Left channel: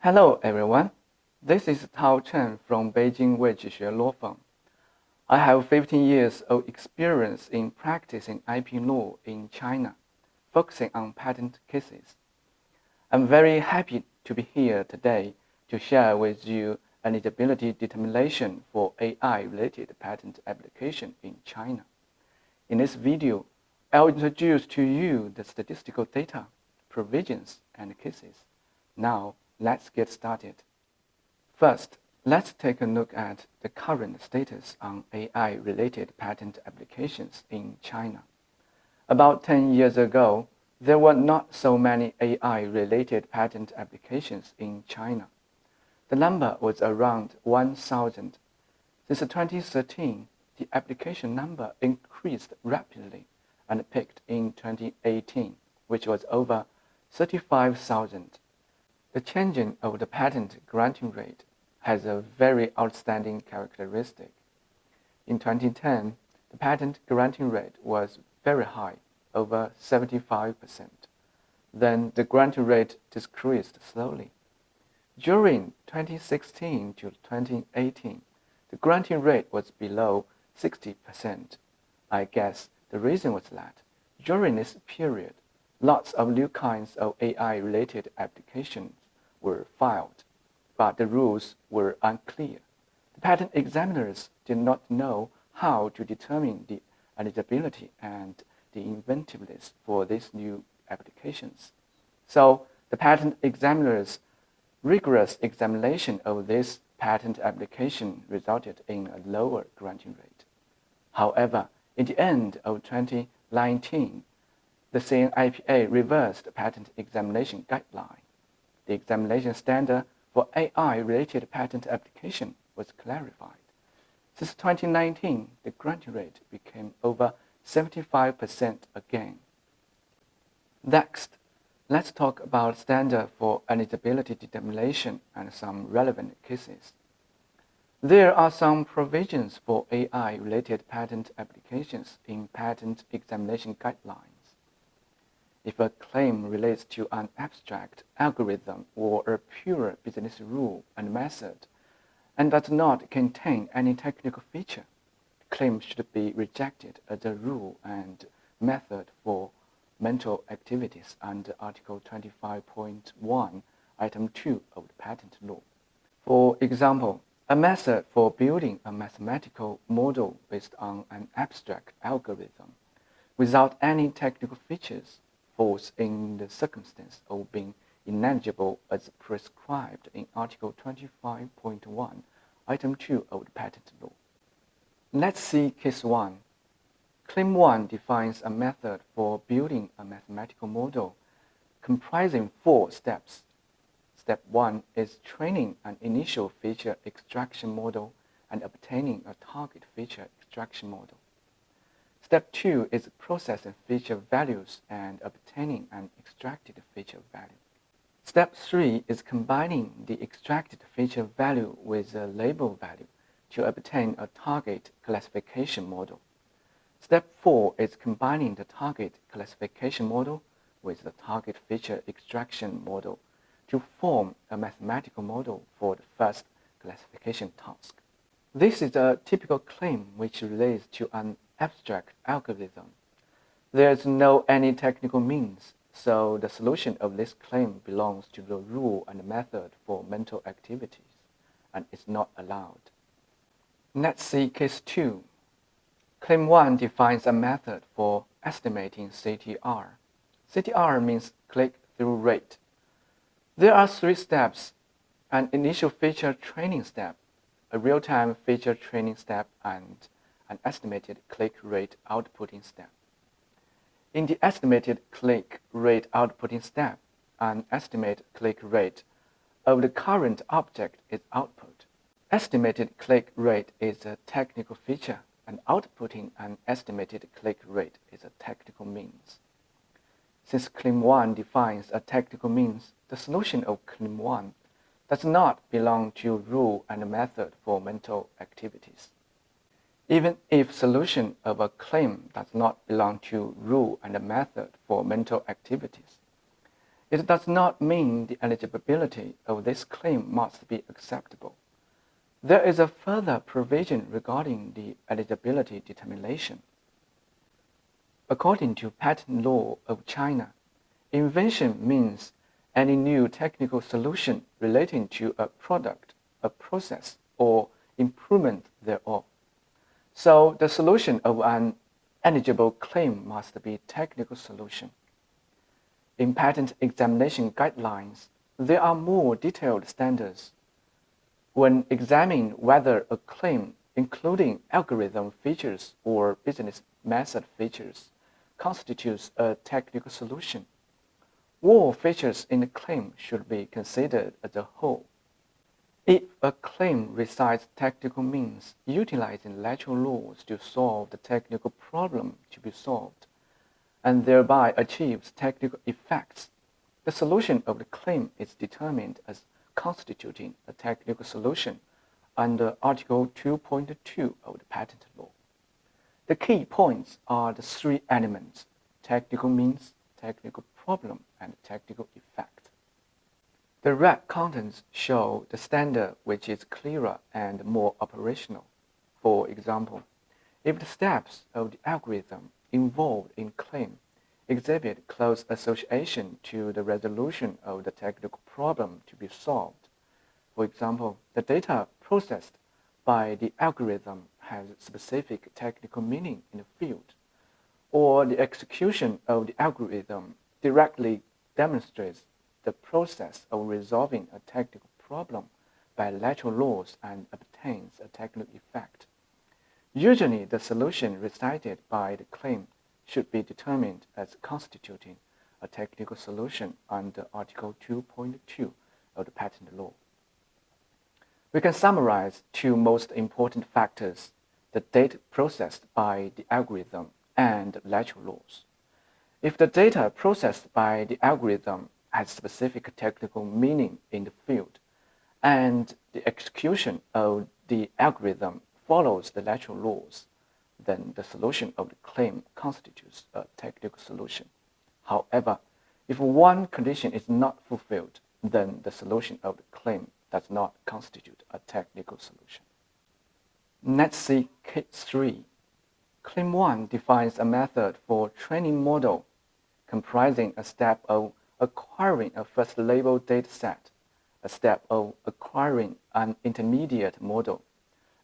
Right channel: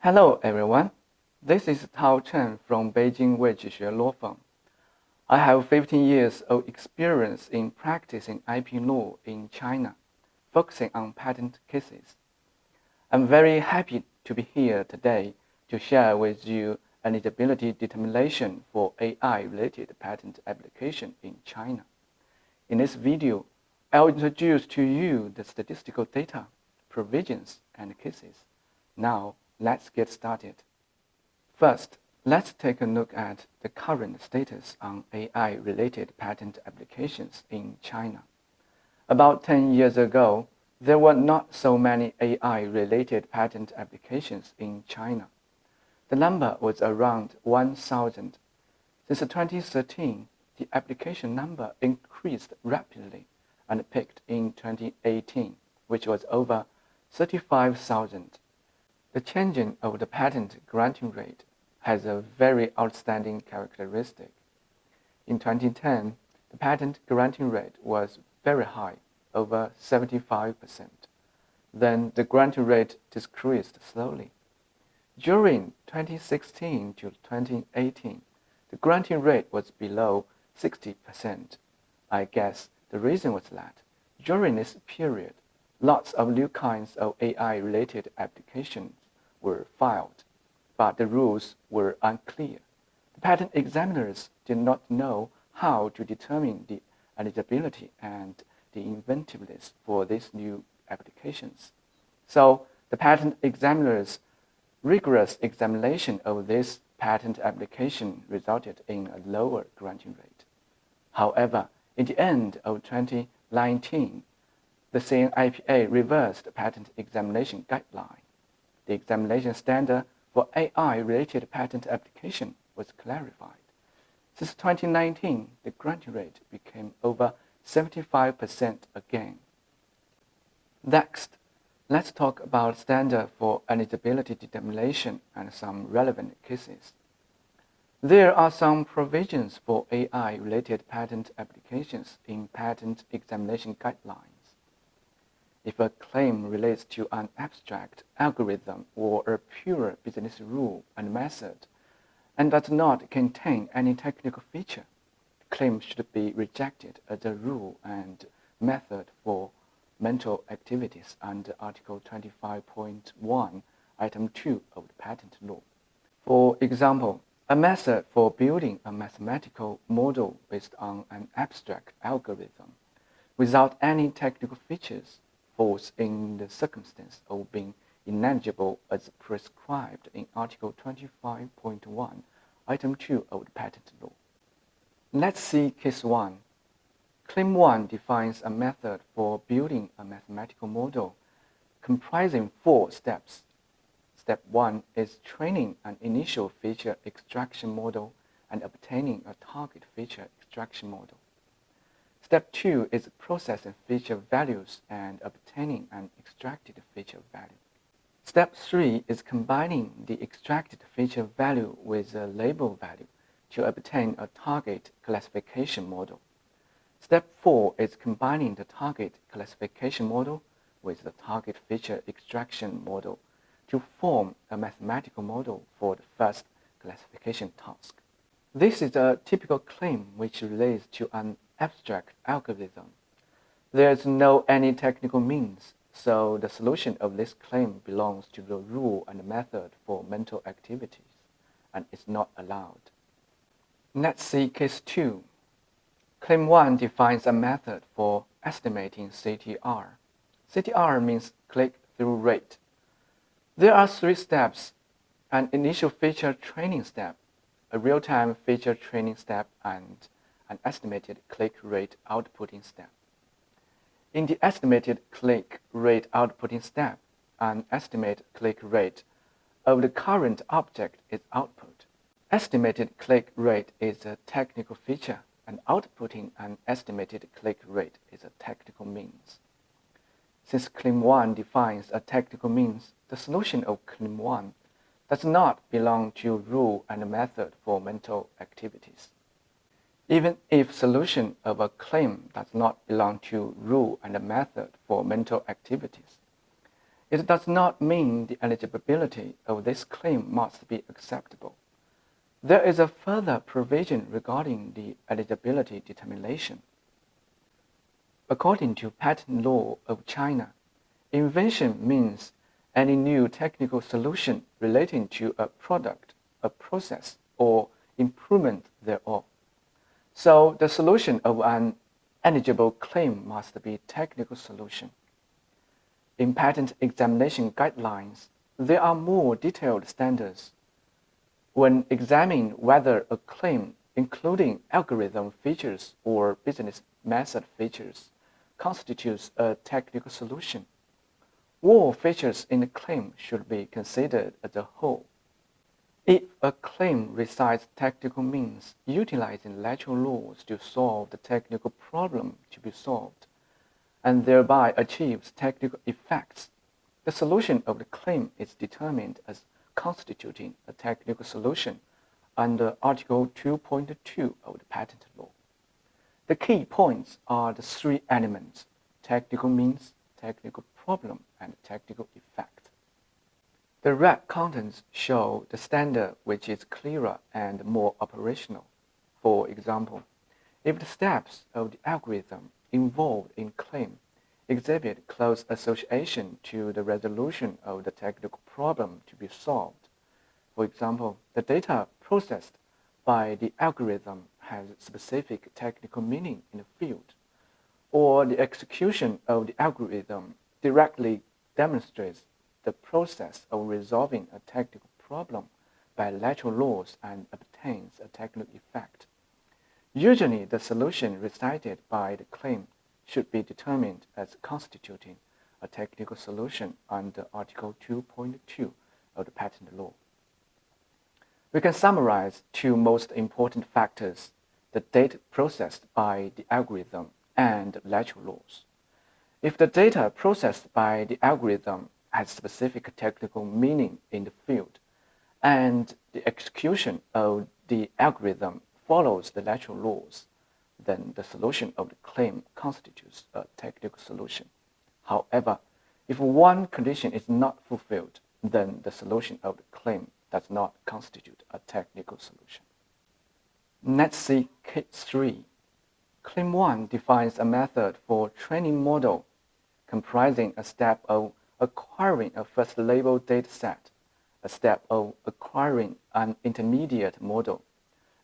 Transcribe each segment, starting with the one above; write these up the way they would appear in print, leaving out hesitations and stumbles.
Hello everyone, this is Tao CHEN from Beijing Weizhixue Law Firm. I have 15 years of experience in practicing IP law in China, focusing on patent cases. I'm very happy to be here today to share with you eligibility determination for AI-related patent application in China. In this video, I'll introduce to you the statistical data, provisions, and cases. Now, let's get started. First, let's take a look at the current status on AI-related patent applications in China. About 10 years ago, there were not so many AI-related patent applications in China. The number was around 1,000. Since 2013, the application number increased rapidly and peaked in 2018, which was over 35,000. The changing of the patent granting rate has a very outstanding characteristic. In 2010, the patent granting rate was very high, over 75%. Then the granting rate decreased slowly. During 2016 to 2018, the granting rate was below 60%. I guess the reason was that during this period, lots of new kinds of AI-related applications were filed, but the rules were unclear. The patent examiners did not know how to determine the eligibility and the inventiveness for these new applications. So the patent examiners' rigorous examination of this patent application resulted in a lower granting rate. However, at the end of 2019, the CNIPA reversed the patent examination guideline. The examination standard for AI-related patent application was clarified. Since 2019, the granting rate became over 75% again. Next, let's talk about standard for eligibility determination and some relevant cases. There are some provisions for AI-related patent applications in patent examination guidelines. If a claim relates to an abstract algorithm or a pure business rule and method, and does not contain any technical feature, the claim should be rejected as a rule and method for mental activities under Article 25.1, Item 2 of the Patent Law. For example, a method for building a mathematical model based on an abstract algorithm without any technical features falls in the circumstance of being ineligible as prescribed in Article 25.1, Item 2 of the Patent Law. Let's see Case 1. Claim 1 defines a method for building a mathematical model comprising 4 steps. Step 1 is training an initial feature extraction model and obtaining a target feature extraction model. Step 2 is processing feature values and obtaining an extracted feature value. Step 3 is combining the extracted feature value with a label value to obtain a target classification model. Step 4 is combining the target classification model with the target feature extraction model to form a mathematical model for the first classification task. This is a typical claim which relates to an abstract algorithm. There's no any technical means, so the solution of this claim belongs to the rule and method for mental activities and is not allowed. Let's see Case 2. Claim 1 defines a method for estimating CTR. CTR means click-through rate. There are 3 steps: an initial feature training step, a real-time feature training step, and an estimated click rate outputting step. In the estimated click rate outputting step, an estimated click rate of the current object is output. Estimated click rate is a technical feature, and outputting an estimated click rate is a technical means. Since Claim 1 defines a technical means, the solution of Claim 1 does not belong to rule and method for mental activities. Even if solution of a claim does not belong to rule and method for mental activities, It does not mean the eligibility of this claim must be acceptable. There is a further provision regarding the eligibility determination. According to patent law of China, invention means any new technical solution relating to a product, a process, or improvement thereof. So the solution of an eligible claim must be technical solution. In patent examination guidelines, there are more detailed standards. When examining whether a claim, including algorithm features or business method features, constitutes a technical solution, all features in the claim should be considered as a whole. If a claim recites technical means utilizing natural laws to solve the technical problem to be solved, and thereby achieves technical effects, the solution of the claim is determined as constituting a technical solution under Article 2.2 of the Patent Law. The key points are the three elements: technical means, technical problem, and technical effect. The red contents show the standard which is clearer and more operational. For example, if the steps of the algorithm involved in claim exhibit close association to the resolution of the technical problem to be solved, for example, the data processed by the algorithm has specific technical meaning in the field, or the execution of the algorithm directly demonstrates the process of resolving a technical problem by natural laws and obtains a technical effect. Usually, the solution recited by the claim should be determined as constituting a technical solution under Article 2.2 of the Patent Law. We can summarize two most important factors: the data processed by the algorithm and natural laws. If the data processed by the algorithm has specific technical meaning in the field, and the execution of the algorithm follows the natural laws, then the solution of the claim constitutes a technical solution. However, if one condition is not fulfilled, then the solution of the claim does not constitute a technical solution. Let's see case 3. Claim 1 defines a method for training model comprising a step of acquiring a first label dataset, a step of acquiring an intermediate model,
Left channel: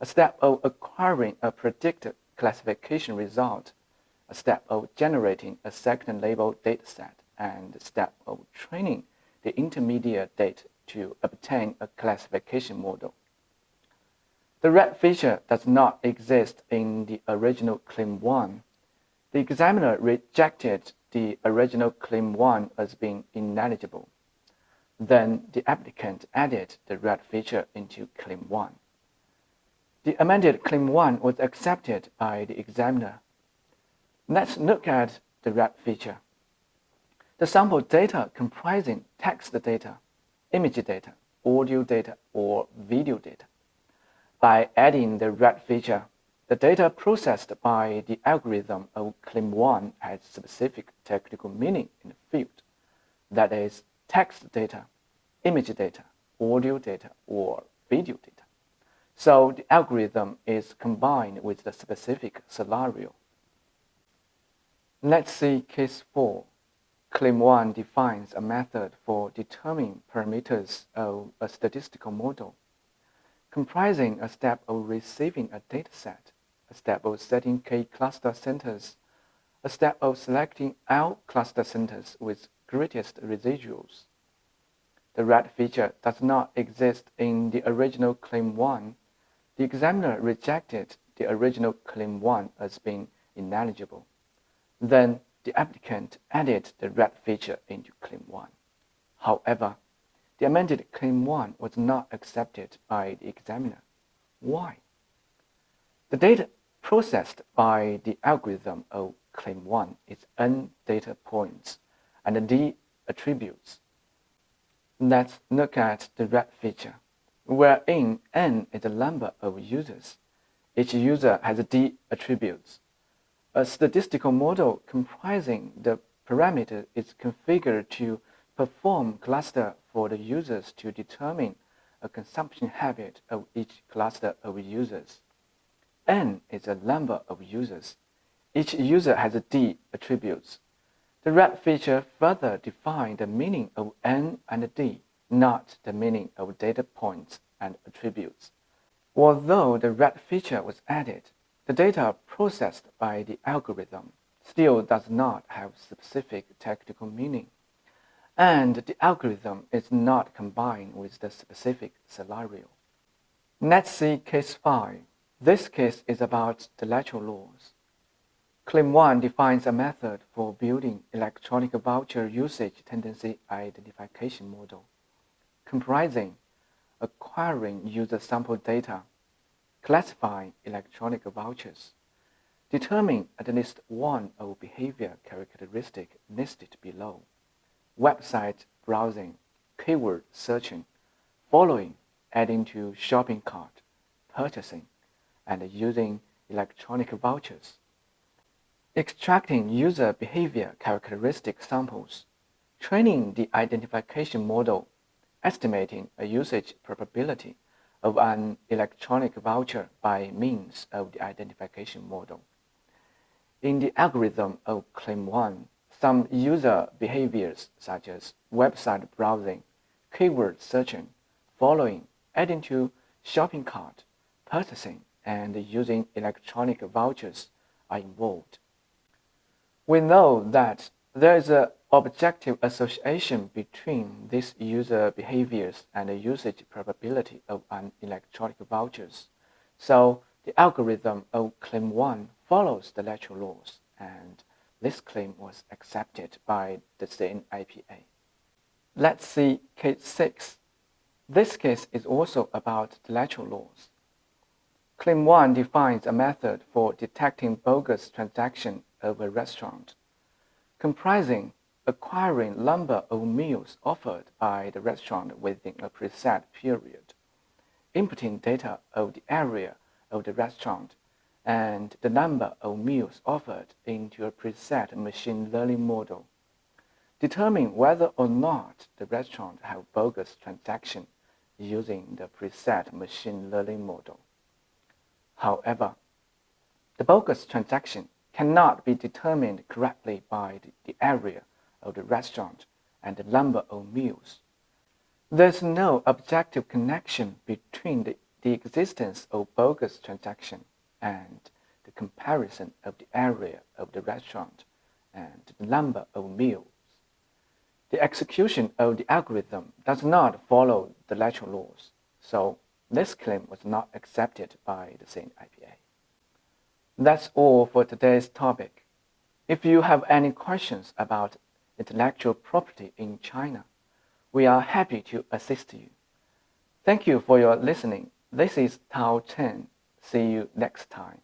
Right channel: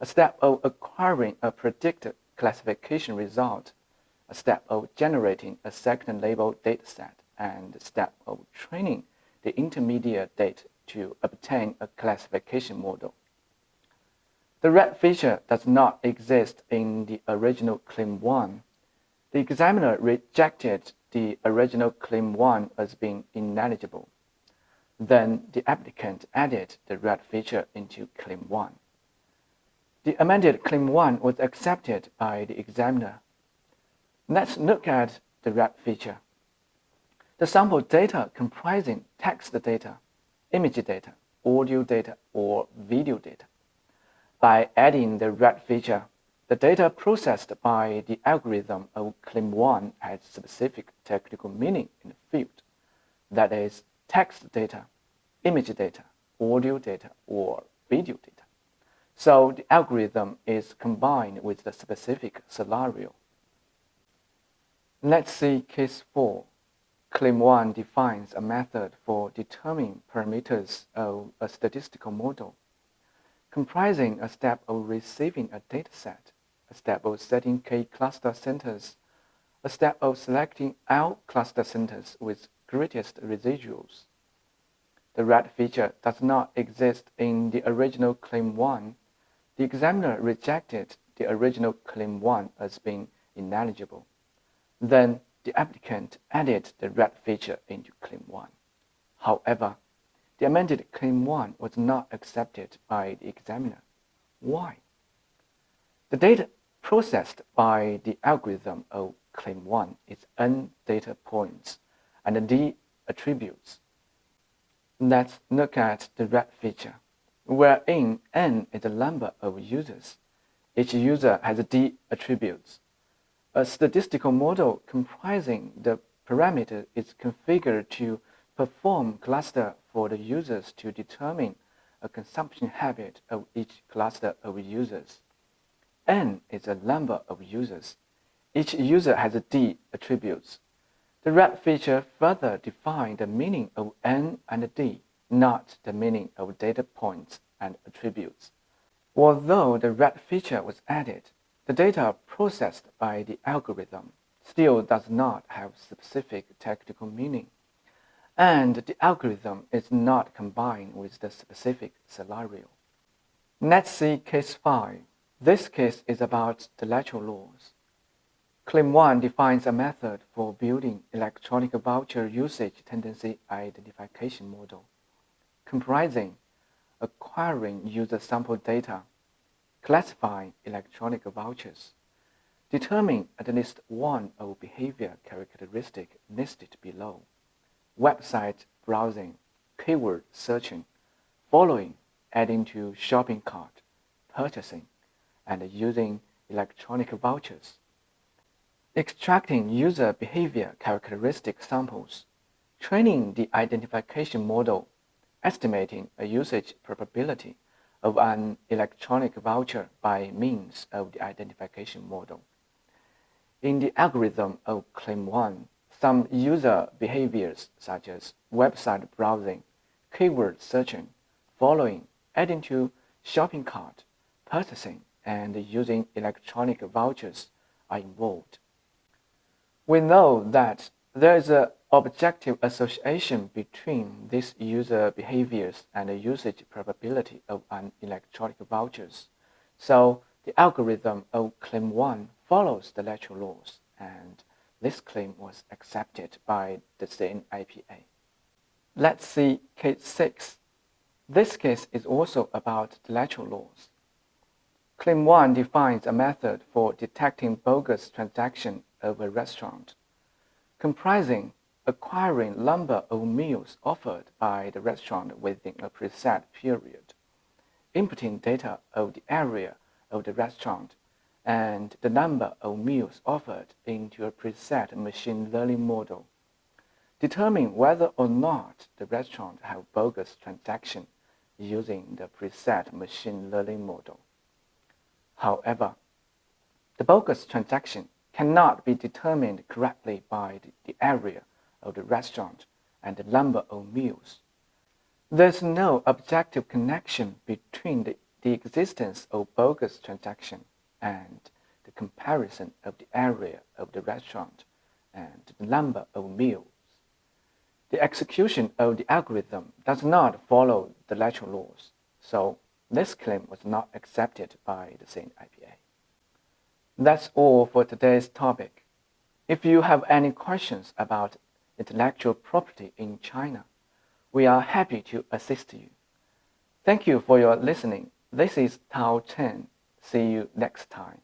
a step of acquiring a predicted classification result, a step of generating a second label dataset, and a step of training the intermediate data to obtain a classification model. The red feature does not exist in the original Claim 1. The examiner rejected the original Claim 1 as being ineligible. Then the applicant added the red feature into Claim 1. The amended Claim 1 was accepted by the examiner. Let's look at the red feature. The sample data comprising text data, image data, audio data, or video data. By adding the red feature, the data processed by the algorithm of Claim 1 has specific technical meaning in the field, that is, text data, image data, audio data, or video data. So the algorithm is combined with the specific scenario. Let's see case 4. Claim 1 defines a method for determining parameters of a statistical model, comprising a step of receiving a dataset, a step of setting K cluster centers, a step of selecting L cluster centers with greatest residuals. The red feature does not exist in the original Claim 1. The examiner rejected the original Claim 1 as being ineligible. Then the applicant added the red feature into Claim 1. However, the amended Claim 1 was not accepted by the examiner. Why? The data processed by the algorithm of Claim 1 is N data points and D attributes. Let's look at the red feature, wherein N is the number of users. Each user has D attributes. A statistical model comprising the parameter is configured to perform cluster for the users to determine a consumption habit of each cluster of users. N is a number of users. Each user has D attributes. The red feature further defines the meaning of N and D, not the meaning of data points and attributes. Although the red feature was added, the data processed by the algorithm still does not have specific technical meaning, and the algorithm is not combined with the specific scenario. Let's see case 5. This case is about the lateral laws. Claim 1 defines a method for building electronic voucher usage tendency identification model, comprising acquiring user sample data, classifying electronic vouchers, determine at least one of behavior characteristic listed below, website browsing, keyword searching, following, adding to shopping cart, purchasing, and using electronic vouchers, extracting user behavior characteristic samples, training the identification model, estimating a usage probability of an electronic voucher by means of the identification model. In the algorithm of Claim 1, some user behaviors such as website browsing, keyword searching, following, adding to shopping cart, purchasing, and using electronic vouchers are involved. We know that there is an objective association between these user behaviors and the usage probability of an electronic vouchers. So the algorithm of Claim 1 follows the lateral laws, and this claim was accepted by the same IPA. Let's see case 6. This case is also about the lateral laws. Claim 1 defines a method for detecting bogus transaction of a restaurant, comprising acquiring number of meals offered by the restaurant within a preset period, inputting data of the area of the restaurant and the number of meals offered into a preset machine learning model, determine whether or not the restaurant have bogus transaction using the preset machine learning model. However, the bogus transaction cannot be determined correctly by the area of the restaurant and the number of meals. There's no objective connection between the existence of bogus transaction and the comparison of the area of the restaurant and the number of meals. The execution of the algorithm does not follow the lateral laws, so this claim was not accepted by the same IPA. That's all for today's topic. If you have any questions about intellectual property in China, we are happy to assist you. Thank you for your listening. This is Tao CHEN. See you next time.